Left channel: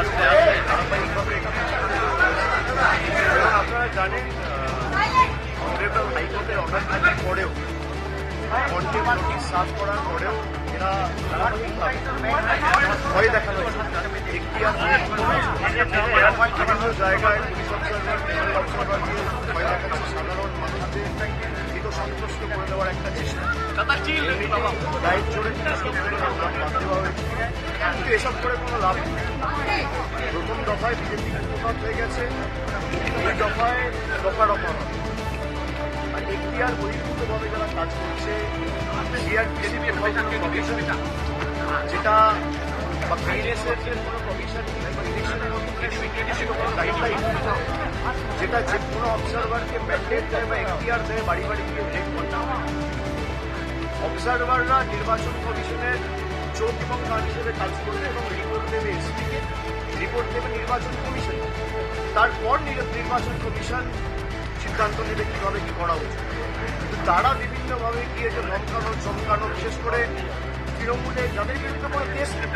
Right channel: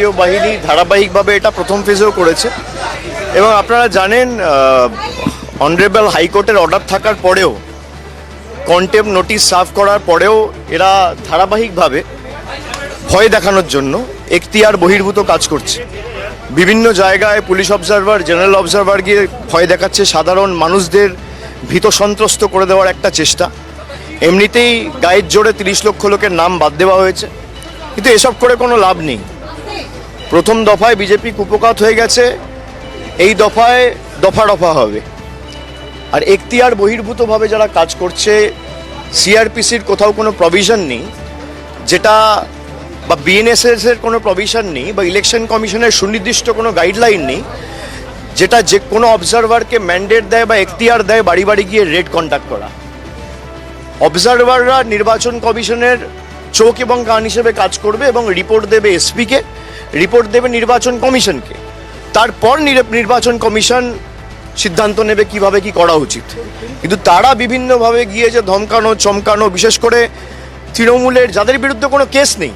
কেন্দ্রীয় বাহিনী ধারাবাহিকভাবে এটা প্রথম ফেজেও করেছে এবং আপনারা জানেন অনারেবল হাইকোর্টের অর্ডার থাকার পরেও কন্টেম্প নোটিশ সার্ভ করার পরেও এরা ধারাবাহিকভাবে ভয় দেখানোর জন্য এখতিয়ার বহির্ভূত কাজ করছে। বিভিন্ন জায়গায় পুলিশ অবজারভার, জেনারেল অবজারভার গিয়ে ভয় দেখাচ্ছে, সাধারণ মানুষদের ভীত সন্ত্রস্ত করে দেওয়ার একটা চেষ্টা। এমনিতেই গায়ের জোরে 30 লক্ষ লোকের নাম বাদ দেওয়া হয়েছে, কিন্তু এসব করে কোনো লাভ নেই। প্রথম দফায় বিজেপি কুপকাত হয়ে গেছে, এই দফায় দফা দফা হবে। আর এখতিয়ার বহির্ভূতভাবে যারা কাজ করছে, সিআরপিসির কোথাও কোনো প্রভিশন নেই যেটা, বা বিএনএসএস এর কোনো প্রভিশন নেই, বা ইলেকশন কমিশনের সুনির্দিষ্ট কোনো গাইডলাইন নেই যেটা যে কোনো অবজারভারকে ম্যান্ডেট দেয় বা এখতিয়ার দেয় বাড়ি বাড়ি গিয়ে রেড কন্ডাক্ট করা। অবজারভাররা নির্বাচন কমিশনের চোখ এবং কান হিসেবে কাজ করবে এবং রিপোর্ট দেবে এসপিকে, রিপোর্ট দেবে নির্বাচন কমিশনকে। তারপর নির্বাচন কমিশন সিদ্ধান্ত নেবে কিভাবে কি করা উচিত। কিন্তু তারা বিভিন্নভাবে গিয়ে যে ধমকানো চমকানো, বিশেষ করে তৃণমূলের যাদের বিরুদ্ধে কোনো কেস নেই,